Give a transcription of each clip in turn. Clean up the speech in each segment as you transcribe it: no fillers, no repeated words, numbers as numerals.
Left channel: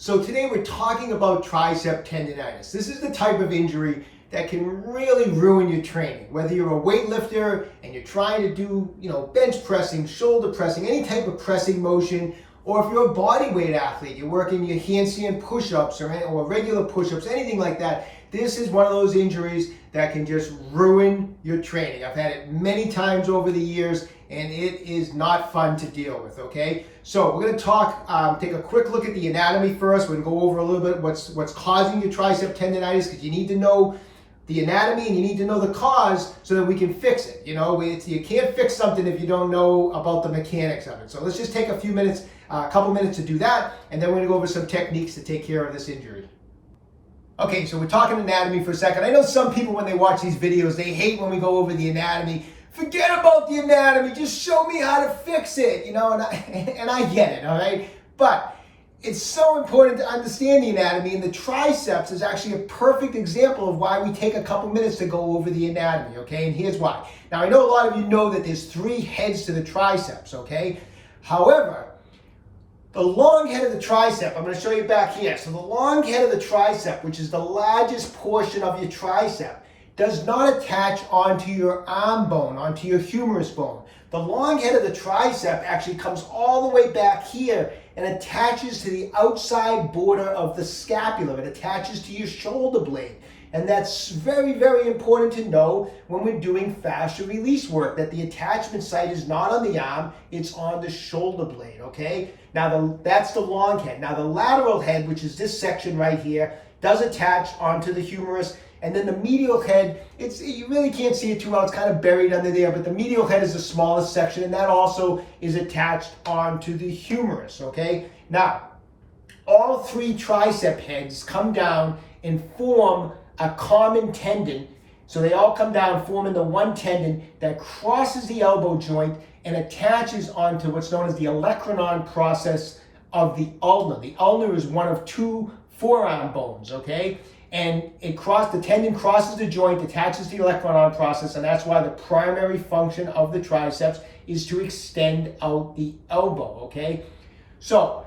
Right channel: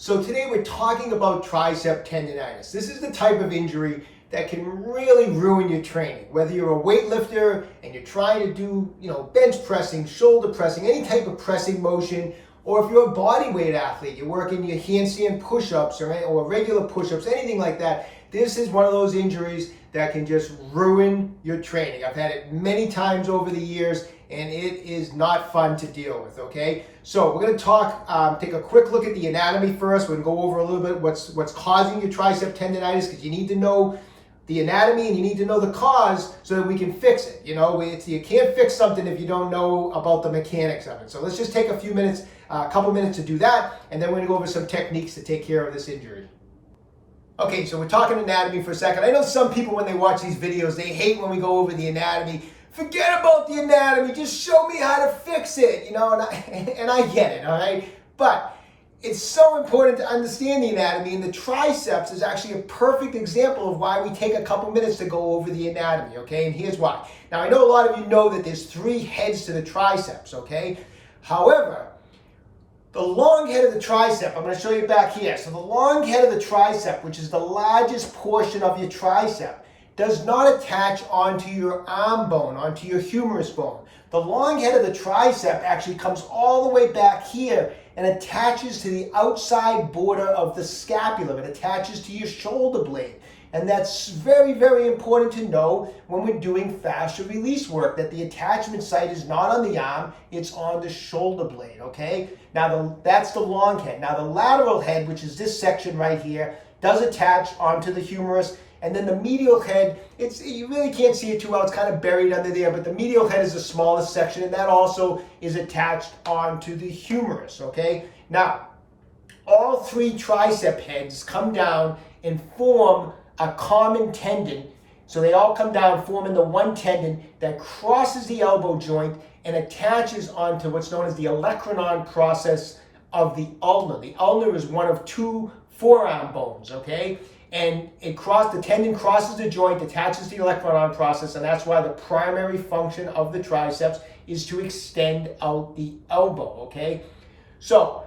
So today we're talking about Triceps Tendonitis. This is the type of injury that can really ruin your training. Whether you're a weightlifter and you're trying to do, bench pressing, shoulder pressing, any type of pressing motion, or if you're a body weight athlete, you're working your handstand push-ups or regular push-ups, anything like that, this is one of those injuries that can just ruin your training. I've had it many times over the years, and it is not fun to deal with, okay? So we're gonna take a quick look at the anatomy first. We're gonna go over a little bit what's causing your Triceps tendonitis, because you need to know the anatomy and you need to know the cause so that we can fix it. You can't fix something if you don't know about the mechanics of it. So let's just take a couple minutes to do that, and then we're gonna go over some techniques to take care of this injury. Okay, so we're talking anatomy for a second. I know some people, when they watch these videos, they hate when we go over the anatomy. Forget about the anatomy, just show me how to fix it, and I get it, all right? But it's so important to understand the anatomy, and the triceps is actually a perfect example of why we take a couple minutes to go over the anatomy, okay? And here's why. Now, I know a lot of you know that there's 3 heads to the triceps, okay? However, the long head of the tricep, I'm going to show you back here. So the long head of the tricep, which is the largest portion of your tricep, does not attach onto your arm bone, onto your humerus bone. The long head of the tricep actually comes all the way back here and attaches to the outside border of the scapula. It attaches to your shoulder blade. And that's very, very important to know when we're doing fascial release work, that the attachment site is not on the arm, it's on the shoulder blade, okay? Now, that's the long head. Now, the lateral head, which is this section right here, does attach onto the humerus. And then the medial head, you really can't see it too well, it's kind of buried under there, but the medial head is the smallest section, and that also is attached onto the humerus, okay? Now, all 3 tricep heads come down and form a common tendon. So they all come down, forming the one tendon that crosses the elbow joint and attaches onto what's known as the olecranon process of the ulna. The ulna is one of 2 forearm bones, okay? And the tendon crosses the joint, attaches to the olecranon process, and that's why the primary function of the triceps is to extend out the elbow, okay? So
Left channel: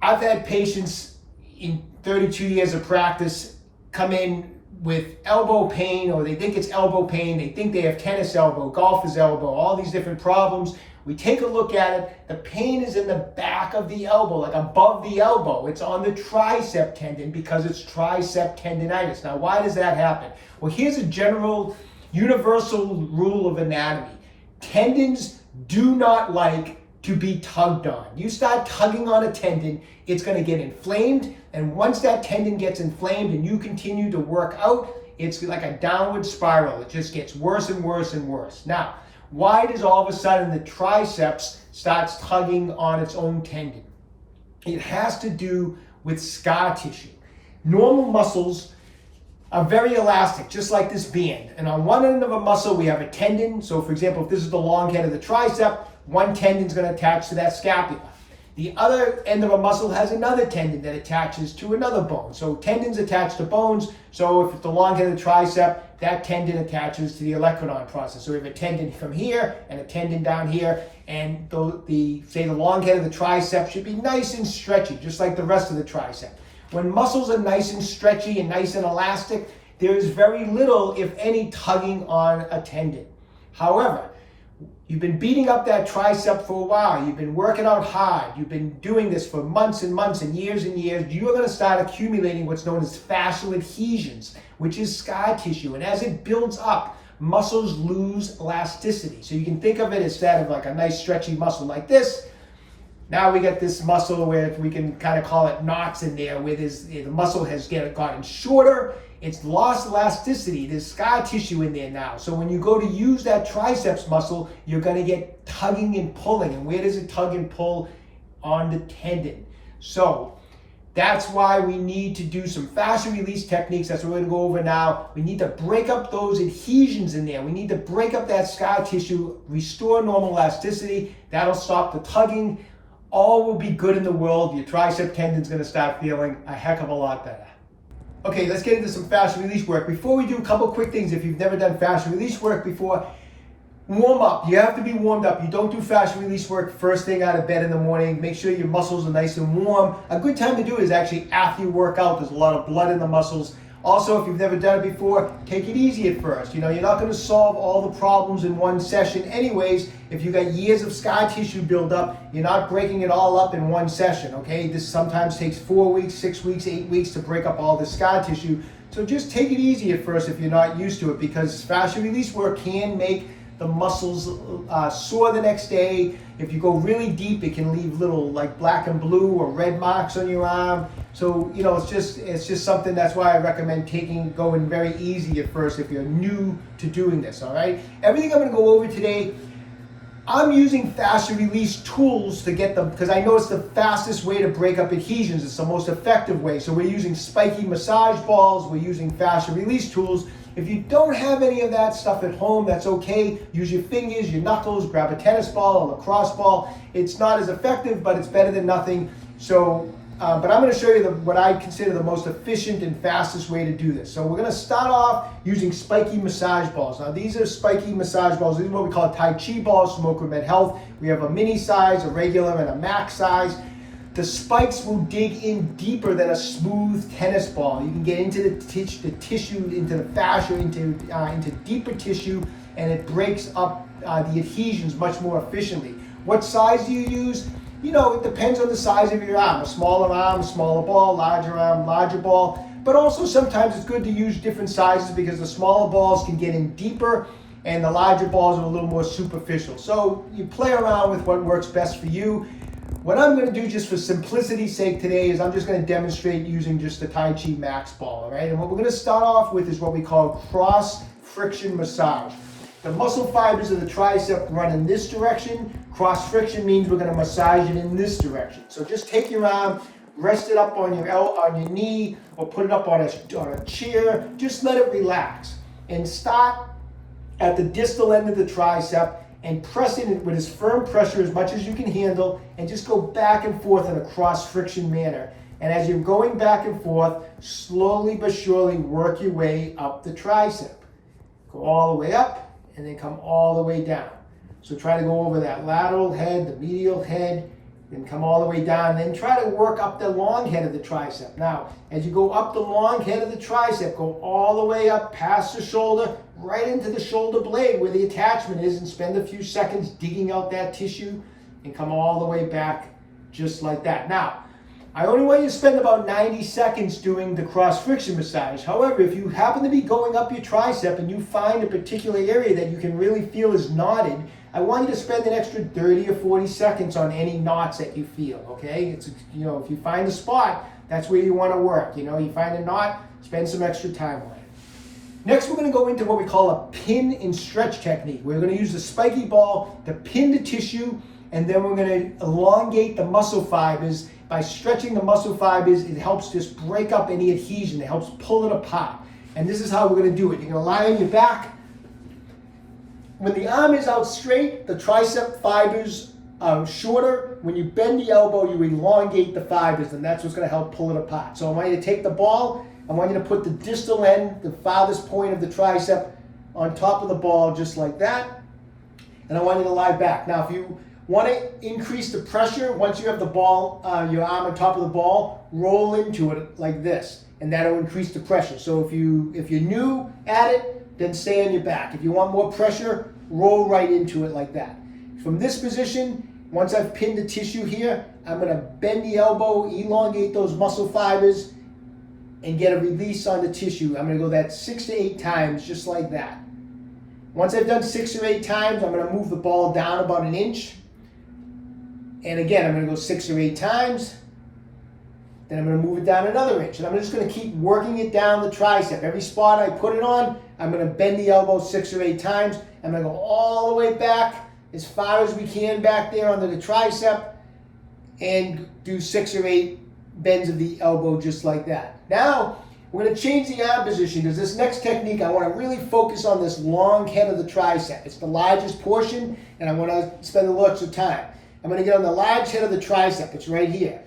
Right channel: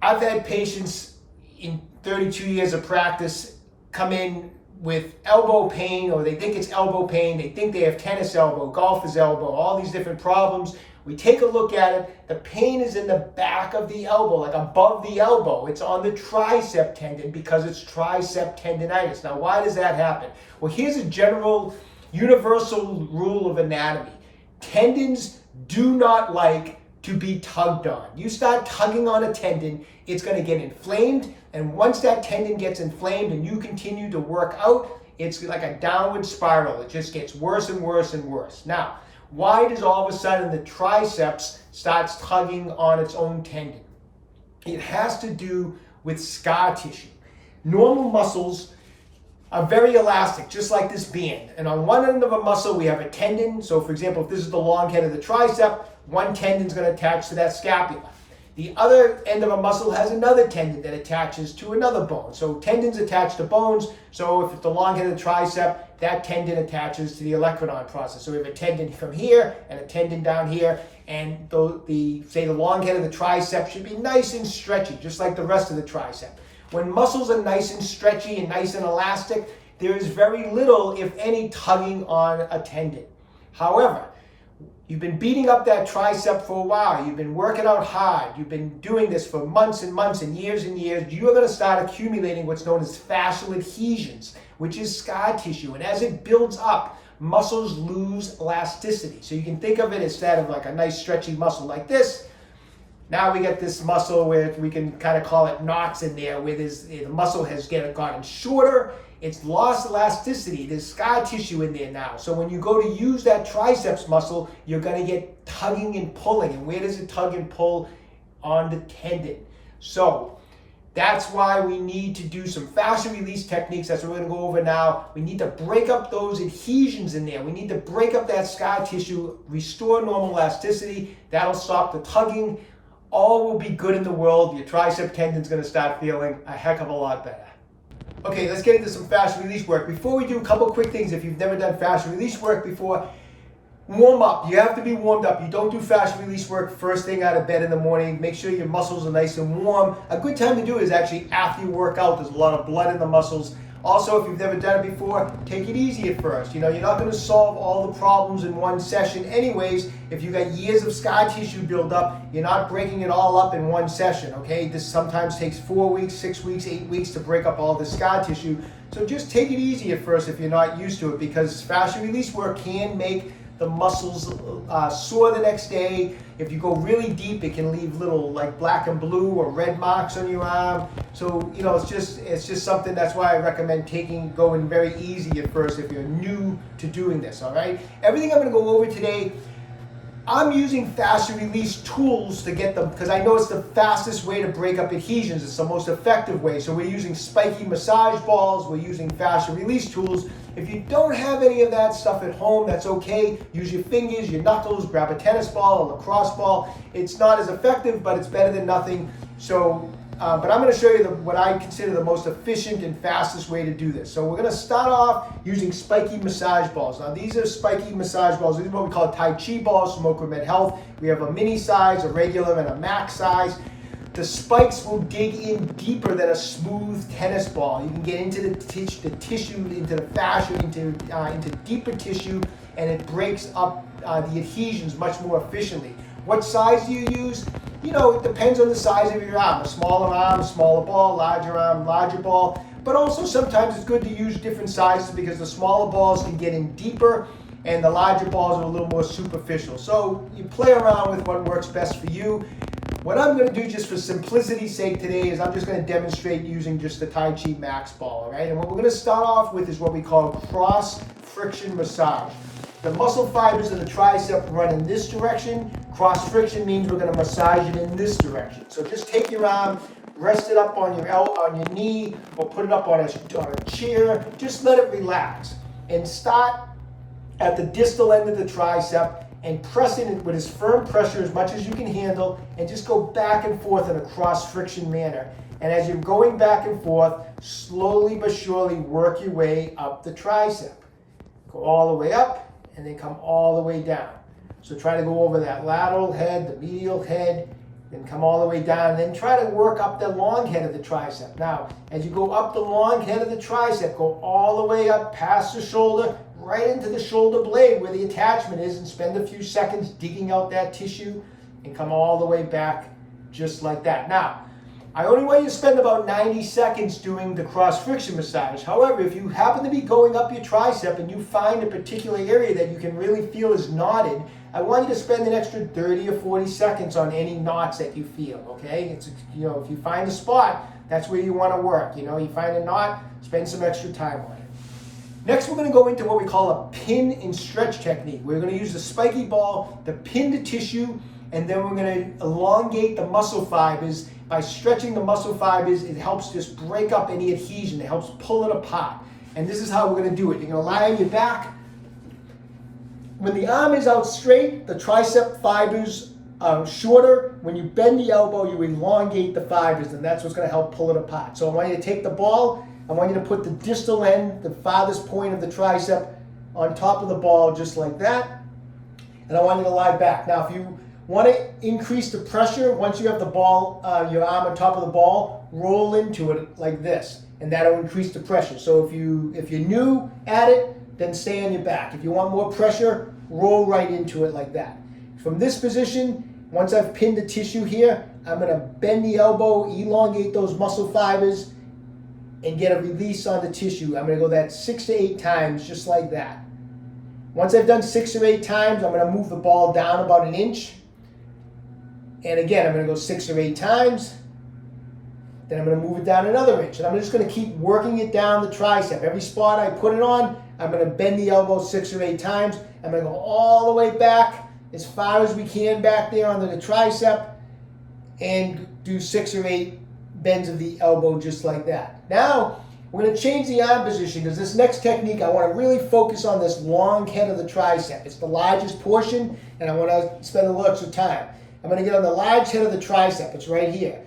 I've had patients in 32 years of practice come in with elbow pain, or they think it's elbow pain, they think they have tennis elbow, golfer's elbow, all these different problems. We take a look at it. The pain is in the back of the elbow, like above the elbow. It's on the tricep tendon because it's Triceps tendonitis. Now, why does that happen? Well, here's a general universal rule of anatomy. Tendons do not like to be tugged on. You start tugging on a tendon, it's going to get inflamed, and once that tendon gets inflamed and you continue to work out, it's like a downward spiral. It just gets worse and worse and worse. Now, why does all of a sudden the triceps starts tugging on its own tendon? It has to do with scar tissue. Normal muscles are very elastic, just like this band. And on one end of a muscle, we have a tendon. So for example, if this is the long head of the tricep, one tendon is going to attach to that scapula. The other end of a muscle has another tendon that attaches to another bone. So tendons attach to bones. So if it's the long head of the tricep, that tendon attaches to the olecranon process. So we have a tendon from here and a tendon down here. And the long head of the tricep should be nice and stretchy, just like the rest of the tricep. When muscles are nice and stretchy and nice and elastic, there is very little, if any, tugging on a tendon. However, you've been beating up that tricep for a while. You've been working out hard. You've been doing this for months and months and years. You're going to start accumulating what's known as fascial adhesions, which is scar tissue. And as it builds up, muscles lose elasticity. So you can think of it instead of like a nice stretchy muscle like this. Now we get this muscle where we can kind of call it knots in there, where the muscle has gotten shorter. It's lost elasticity. There's scar tissue in there now. So when you go to use that triceps muscle, you're going to get tugging and pulling. And where does it tug and pull? On the tendon. So that's why we need to do some fascial release techniques. That's what we're going to go over now. We need to break up those adhesions in there. We need to break up that scar tissue, restore normal elasticity. That'll stop the tugging. All will be good in the world. Your tricep tendon's going to start feeling a heck of a lot better. Okay, let's get into some fascial release work. Before we do, a couple quick things. If you've never done fascial release work before, Warm up. You have to be warmed up. You don't do fascial release work first thing out of bed in the morning. Make sure your muscles are nice and warm. A good time to do it is actually after you work out. There's a lot of blood in the muscles. Also, if you've never done it before, take it easy at first. You're not going to solve all the problems in one session anyways. If you've got years of scar tissue buildup, you're not breaking it all up in one session, okay? This sometimes takes 4 weeks, 6 weeks, 8 weeks to break up all the scar tissue. So just take it easy at first if you're not used to it, because fascial release work can make the muscles sore the next day. If you go really deep, it can leave little like black and blue or red marks on your arm. So it's just something. That's why I recommend going very easy at first if you're new to doing this. All right. Everything I'm going to go over today, I'm using fascial release tools to get them, because I know it's the fastest way to break up adhesions. It's the most effective way. So we're using spiky massage balls. We're using fascial release tools. If you don't have any of that stuff at home, that's okay. Use your fingers, your knuckles, grab a tennis ball, a lacrosse ball. It's not as effective, but it's better than nothing. So, but I'm gonna show you what I consider the most efficient and fastest way to do this. So we're gonna start off using spiky massage balls. Now these are spiky massage balls. These are what we call Tai Chi balls from OcraMed Health. We have a mini size, a regular, and a max size. The spikes will dig in deeper than a smooth tennis ball. You can get into the tissue, into the fascia, into deeper tissue, and it breaks up the adhesions much more efficiently. What size do you use? It depends on the size of your arm. A smaller ball, larger arm, larger ball. But also sometimes it's good to use different sizes, because the smaller balls can get in deeper and the larger balls are a little more superficial. So you play around with what works best for you. What I'm going to do, just for simplicity's sake today, is I'm just going to demonstrate using just the Tai Chi Max ball, all right? And what we're going to start off with is what we call cross friction massage. The muscle fibers of the tricep run in this direction. Cross friction means we're going to massage it in this direction. So just take your arm, rest it up on your knee, or put it up on a chair. Just let it relax. And start at the distal end of the tricep and pressing it with as firm pressure as much as you can handle, and just go back and forth in a cross friction manner. And as you're going back and forth, slowly but surely work your way up the tricep. Go all the way up and then come all the way down. So try to go over that lateral head, the medial head, then come all the way down, and then try to work up the long head of the tricep. Now, as you go up the long head of the tricep, go all the way up past the shoulder, right into the shoulder blade where the attachment is, and spend a few seconds digging out that tissue and come all the way back just like that. Now, I only want you to spend about 90 seconds doing the cross friction massage. However, if you happen to be going up your tricep and you find a particular area that you can really feel is knotted, I want you to spend an extra 30 or 40 seconds on any knots that you feel, okay? It's, if you find a spot, that's where you want to work. You find a knot, spend some extra time on it. Next, we're going to go into what we call a pin and stretch technique. We're going to use the spiky ball to pin the tissue, and then we're going to elongate the muscle fibers. By stretching the muscle fibers, it helps just break up any adhesion. It helps pull it apart. And this is how we're going to do it. You're going to lie on your back. When the arm is out straight, the tricep fibers are shorter. When you bend the elbow, you elongate the fibers, and that's what's going to help pull it apart. So I want you to take the ball. I want you to put the distal end, the farthest point of the tricep, on top of the ball just like that. And I want you to lie back. Now, if you want to increase the pressure, once you have the ball, your arm on top of the ball, roll into it like this, and that'll increase the pressure. So if you're new at it, then stay on your back. If you want more pressure, roll right into it like that. From this position, once I've pinned the tissue here, I'm going to bend the elbow, elongate those muscle fibers, and get a release on the tissue. I'm going to go that 6 to 8 times, just like that. Once I've done 6 or 8 times, I'm going to move the ball down about an inch. And again, I'm going to go 6 or 8 times. Then I'm going to move it down another inch. And I'm just going to keep working it down the tricep. Every spot I put it on, I'm going to bend the elbow 6 or 8 times. I'm going to go all the way back, as far as we can back there under the tricep, and do 6 or 8 bends of the elbow just like that. Now, we're going to change the arm position, because this next technique, I want to really focus on this long head of the tricep. It's the largest portion, and I want to spend a little extra time. I'm going to get on the large head of the tricep. It's right here.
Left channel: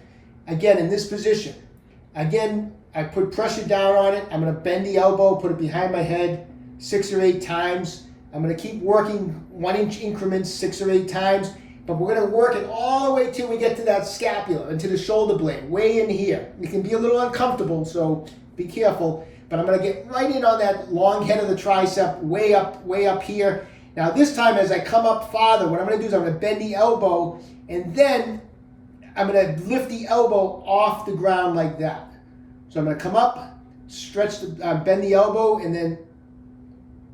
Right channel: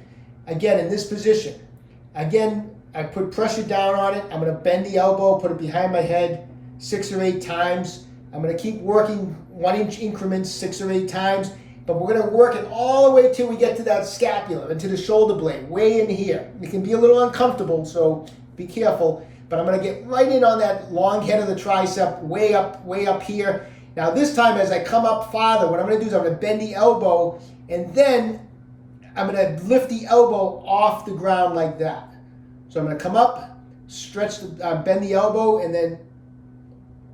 Again, in this position. Again, I put pressure down on it. I'm going to bend the elbow, put it behind my head 6 or 8 times. I'm going to keep working 1-inch increments 6 or 8 times, but we're going to work it all the way till we get to that scapula, into the shoulder blade, way in here. It can be a little uncomfortable, so be careful. But I'm going to get right in on that long head of the tricep, way up here. Now this time, as I come up farther, what I'm going to do is I'm going to bend the elbow, and then I'm going to lift the elbow off the ground like that. So I'm going to come up, stretch, bend the elbow, and then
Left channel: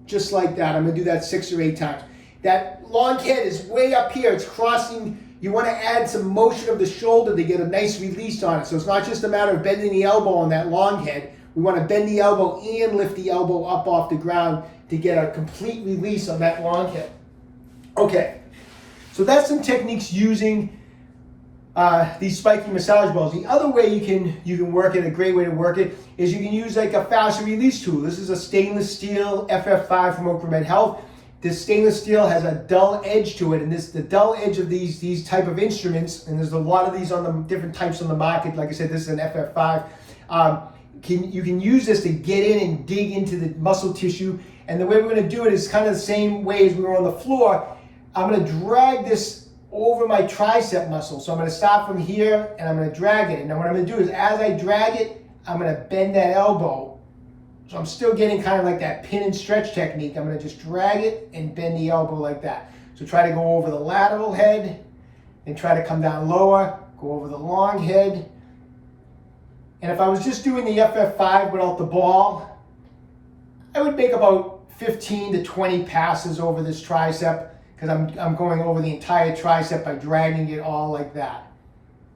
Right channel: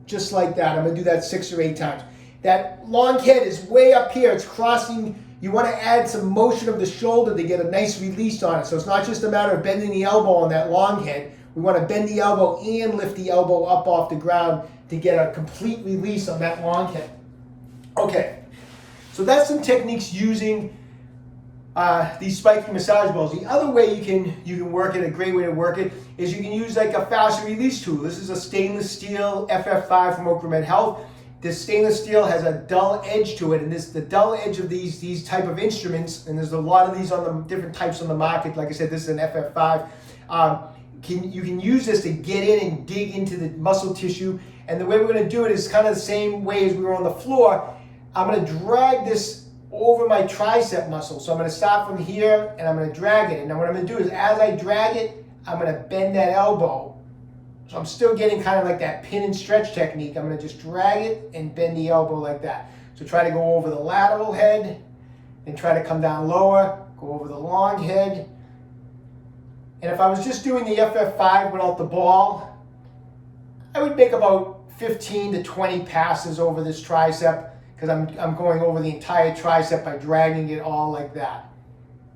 just like that. I'm going to do that 6 or 8 times. That long head is way up here. It's crossing. You want to add some motion of the shoulder to get a nice release on it. So it's not just a matter of bending the elbow on that long head. We want to bend the elbow and lift the elbow up off the ground to get a complete release on that long head. Okay, so that's some techniques using these spiking massage balls. The other way you can work it, a great way to work it, is you can use like a fascial release tool. This is a stainless steel FF5 from OcraMed Health. This stainless steel has a dull edge to it, and the dull edge of these type of instruments, and there's a lot of these on the different types on the market. Like I said, this is an FF5. You can use this to get in and dig into the muscle tissue. And the way we're going to do it is kind of the same way as we were on the floor. I'm going to drag this over my tricep muscle. So I'm going to start from here and I'm going to drag it. And now what I'm going to do is, as I drag it, I'm going to bend that elbow. So I'm still getting kind of like that pin and stretch technique. I'm going to just drag it and bend the elbow like that. So try to go over the lateral head and try to come down lower, go over the long head. And if I was just doing the FF5 without the ball, I would make about 15 to 20 passes over this tricep, because I'm going over the entire tricep by dragging it all like that.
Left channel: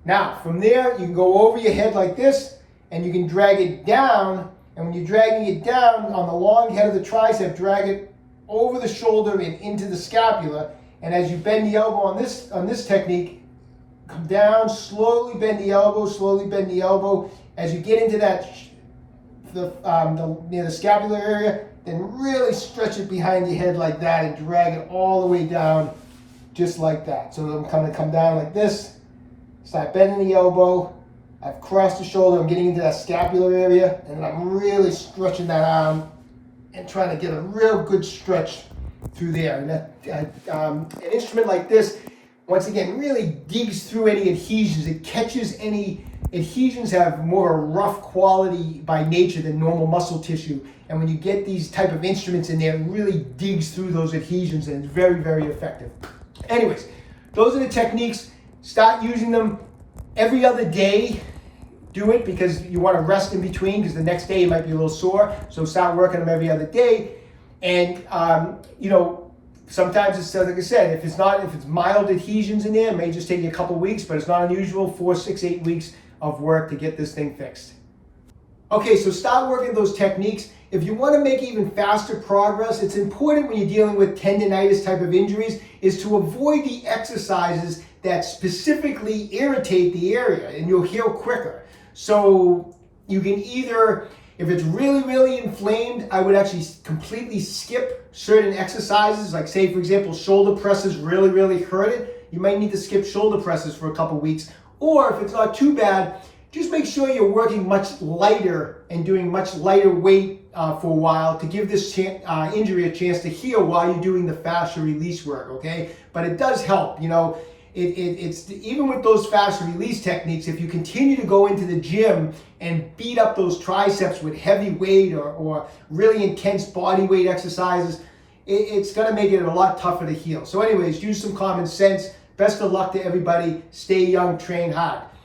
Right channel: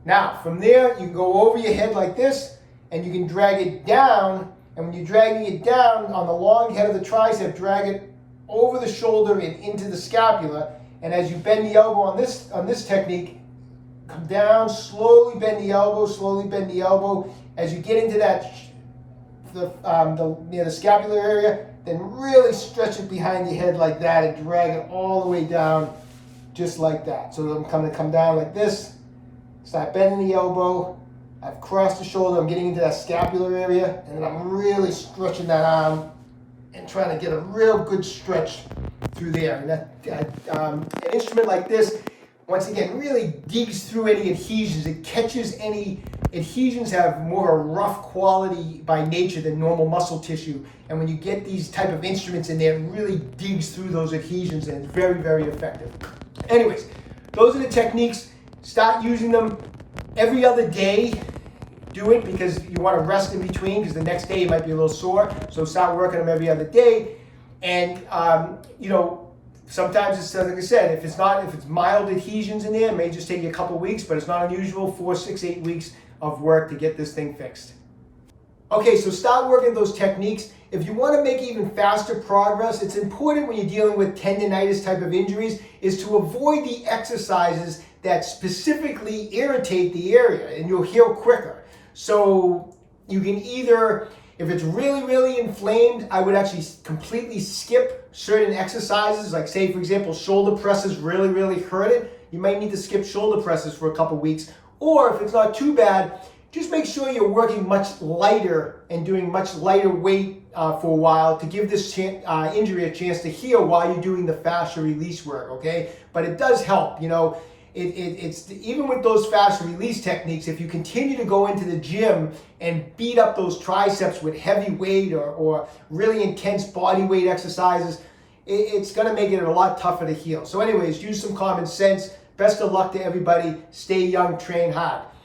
Now, from there, you can go over your head like this, and you can drag it down. And when you're dragging it down on the long head of the tricep, drag it over the shoulder and into the scapula. And as you bend the elbow on this technique, come down, slowly bend the elbow, slowly bend the elbow. As you get into that, near the scapular area, then really stretch it behind your head like that and drag it all the way down, just like that. So I'm going to come down like this, start bending the elbow. I've crossed the shoulder, I'm getting into that scapular area, and then I'm really stretching that arm and trying to get a real good stretch through there. And an instrument like this, once again, really digs through any adhesions. It catches any adhesions. Have more of a rough quality by nature than normal muscle tissue. And when you get these type of instruments in there, it really digs through those adhesions, and it's very, very effective. Anyways, those are the techniques. Start using them every other day. Do it because you want to rest in between, because the next day you might be a little sore. So start working them every other day. And, sometimes it's, like I said, if it's mild adhesions in there, it may just take you a couple weeks, but it's not unusual, 4, 6, 8 weeks of work to get this thing fixed. Okay, so start working those techniques. If you want to make even faster progress, it's important when you're dealing with tendonitis type of injuries is to avoid the exercises that specifically irritate the area, and you'll heal quicker. So you can either, if it's really, really inflamed, I would actually completely skip certain exercises. Like say, for example, shoulder presses really, really hurt it. You might need to skip shoulder presses for a couple weeks. Or if it's not too bad, just make sure you're working much lighter and doing much lighter weight for a while to give this injury a chance to heal while you're doing the fascial release work, okay? But it does help, It's even with those fascial release techniques, if you continue to go into the gym and beat up those triceps with heavy weight or really intense body weight exercises, it's going to make it a lot tougher to heal. So anyways, use some common sense. Best of luck to everybody. Stay young, train hard.